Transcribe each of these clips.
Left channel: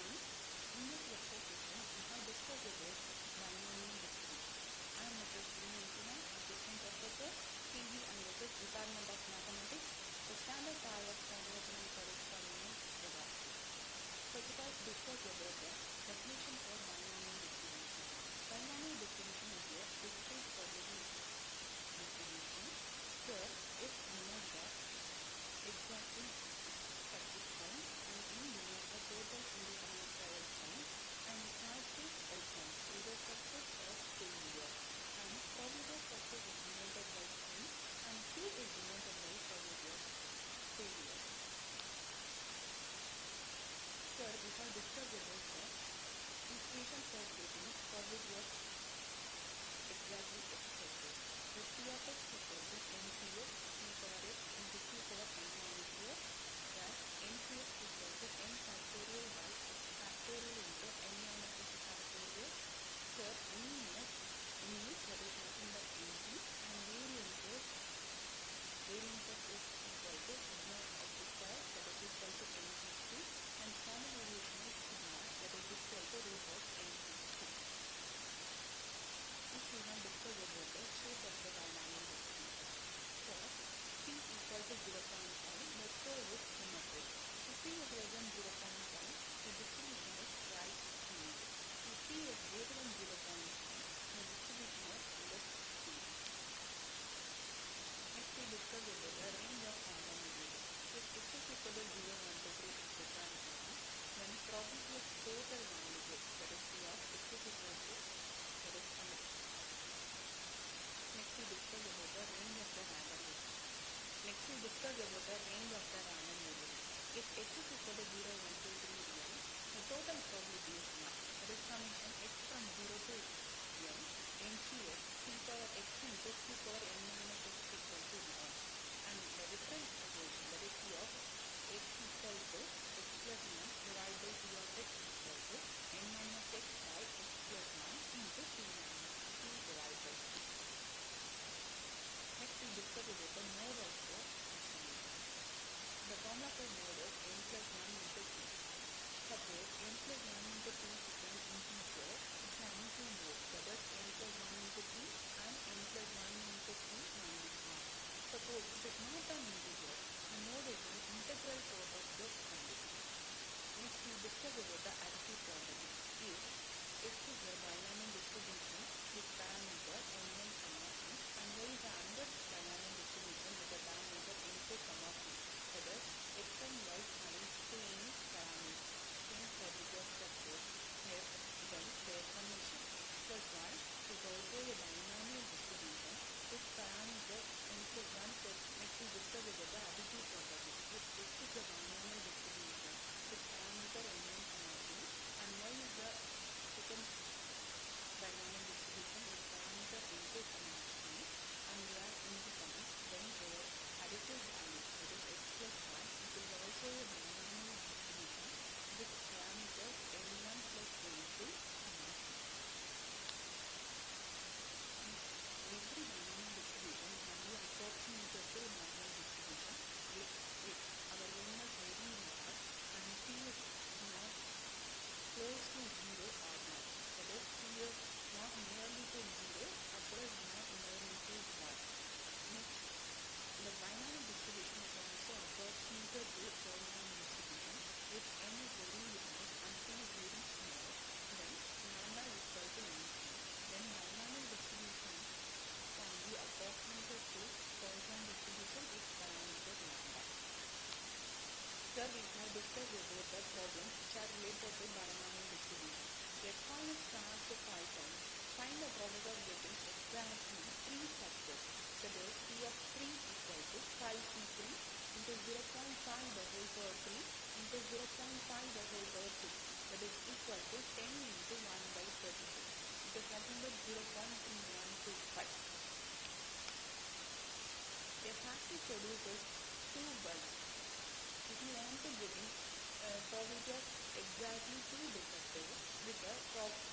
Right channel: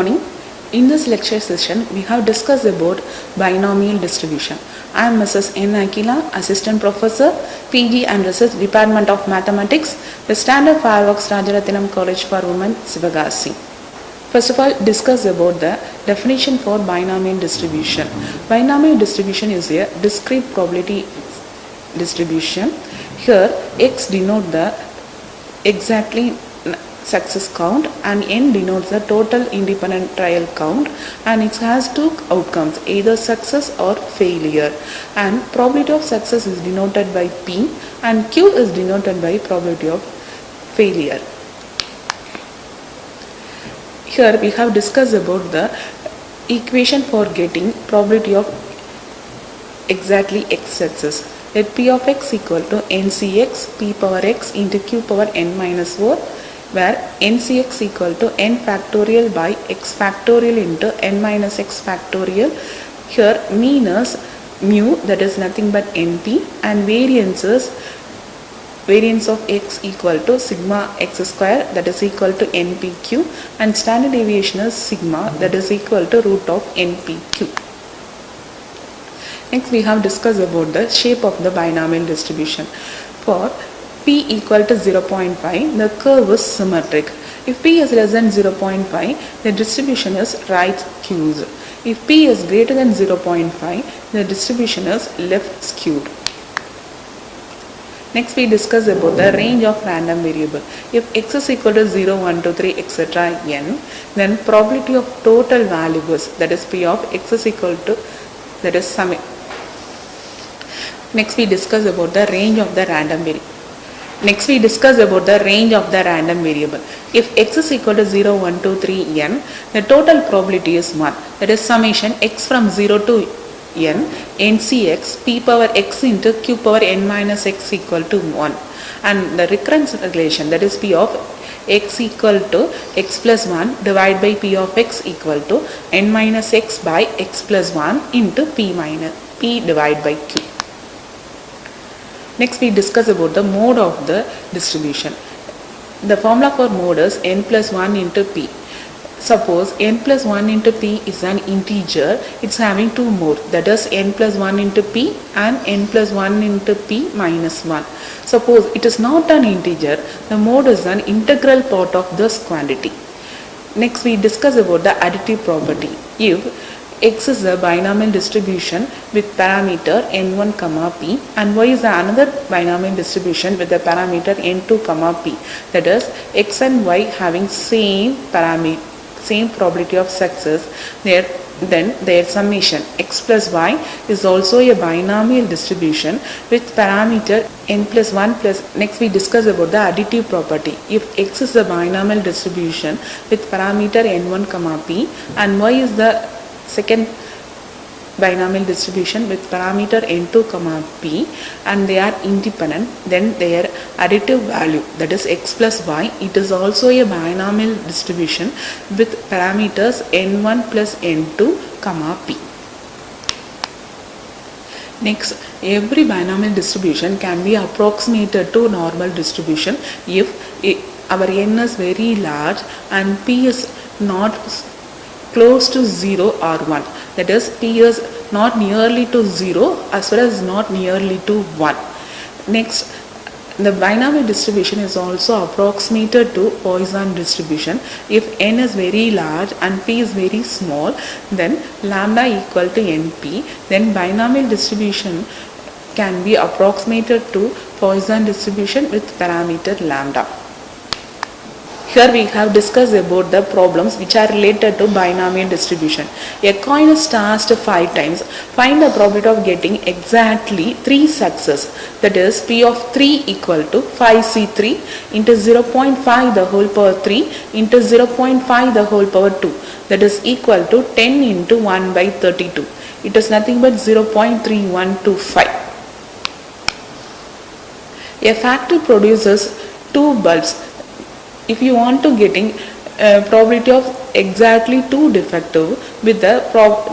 morning. In this lecture session, we have discussed about binomial distribution. I am Mrs. N. Akila, Assistant Professor, PG and Research Department of Mathematics, the Standard Fireworks Rajarathinam College for Women, Sivagasi. First of all, discuss about the definition for binomial distribution. Binomial distribution is a discrete probability distribution. Here, x denote the exactly success count and n denotes the total independent trial count, and it has two outcomes, either success or failure, and probability of success is denoted by p and q is denoted by probability of failure. Here we have discussed about the equation for getting probability of exactly x success. Let p of x equal to ncx p power x into q power n minus 4, where ncx equal to n factorial by x factorial into n minus x factorial. Here mean is mu, that is nothing but np, and variance of x equal to sigma x square, that is equal to npq, and standard deviation is sigma, that is equal to root of npq. Next we have discussed about the shape of the binomial distribution. For p equal to 0.5, the curve is symmetric. If p is less than 0.5, the distribution is right skewed. If p is greater than 0.5, the distribution is left skewed. Next we discuss about the range of random variable. If x is equal to 0, 1, 2, 3, etc. n, then probability of total values, that is p of x is equal to, that is sum. Next we discuss about the range of the random variable. If x is equal to 0, 1, 2, 3, n, the total probability is 1. That is summation x from 0 to n, ncx p power x into q power n minus x equal to 1. And the recurrence relation, that is p of x equal to x plus 1 divided by p of x equal to n minus x by x plus 1 into p divided by q. Next we discuss about the mode of the distribution. The formula for mode is n plus 1 into p. Suppose n plus 1 into p is an integer, it's having two modes, that is n plus 1 into p and n plus 1 into p minus 1. Suppose it is not an integer, the mode is an integral part of this quantity. Next we discuss about the additive property. If x is a binomial distribution with parameter n1 comma p and y is another binomial distribution with the parameter n2 comma p, that is x and y having same probability of success, then their summation x plus y is also a binomial distribution with parameter n plus 1 plus. Next we discuss about the additive property. If x is a binomial distribution with parameter n1 comma p and y is the second binomial distribution with parameter n2 comma p and they are independent, then their additive value, that is x plus y, it is also a binomial distribution with parameters n1 plus n2 comma p. Next, every binomial distribution can be approximated to normal distribution if our n is very large and p is not close to 0 or 1. That is, p is not nearly to 0 as well as not nearly to 1. Next, the binomial distribution is also approximated to Poisson distribution. If n is very large and p is very small, then lambda equal to np, then binomial distribution can be approximated to Poisson distribution with parameter lambda. Here we have discussed about the problems which are related to binomial distribution. A coin is tossed 5 times. Find the probability of getting exactly 3 success. That is p of 3 equal to 5c3 into 0.5 the whole power 3 into 0.5 the whole power 2. That is equal to 10 into 1 by 32. It is nothing but 0.3125. A factory produces 2 bulbs. If you want to getting probability of exactly 2 defective with the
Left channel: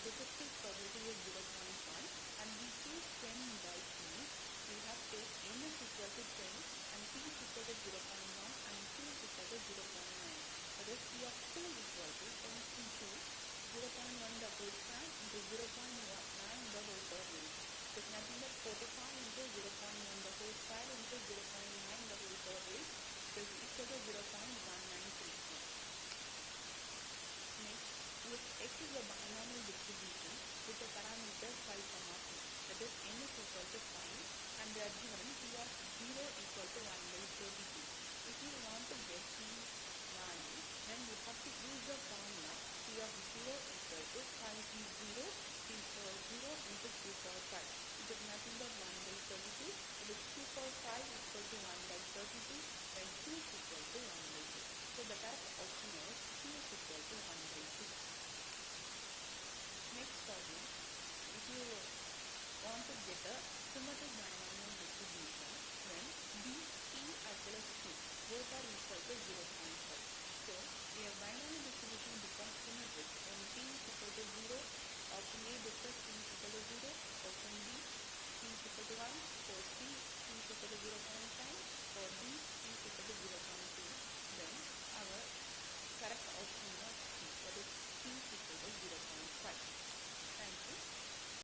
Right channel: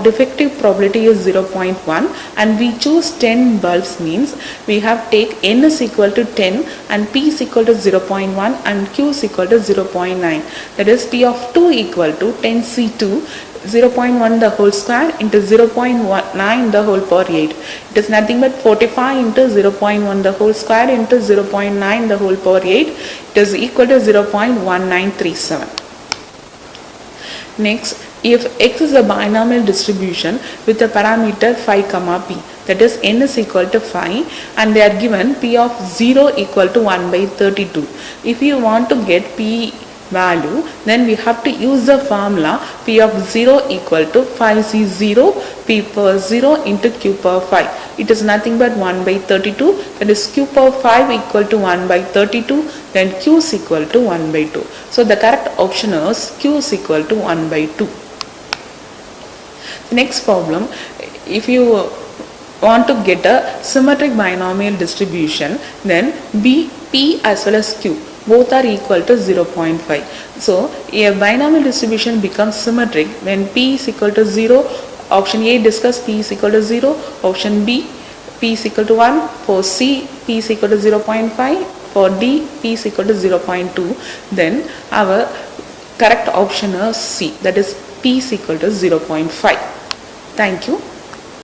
defective probability is 0.1, and we choose 10 bulbs means we have take n is equal to 10 and p is equal to 0.1 and q is equal to 0.9. That is p of 2 equal to 10c2 0.1 the whole square into 0.9 the whole power 8. It is nothing but 45 into 0.1 the whole square into 0.9 the whole power 8. It is equal to 0.1937. Next, if x is a binomial distribution with a parameter phi comma p, that is n is equal to phi, and they are given p of 0 equal to 1 by 32. If you want to get p value, then we have to use the formula p of 0 equal to phi c 0 p per 0 into q per 5. It is nothing but 1 by 32, that is q per 5 equal to 1 by 32, then q is equal to 1 by 2. So the correct option is q is equal to 1 by 2. Next problem, if you want to get a symmetric binomial distribution, then b, p as well as q both are equal to 0.5. So a binomial distribution becomes symmetric when p is equal to 0. Option A discuss p is equal to 0. Option B, p is equal to 1. For C, p is equal to 0.5. For D, p is equal to 0.2. Then our correct option is C, that is p is equal to 0.5. Thank you.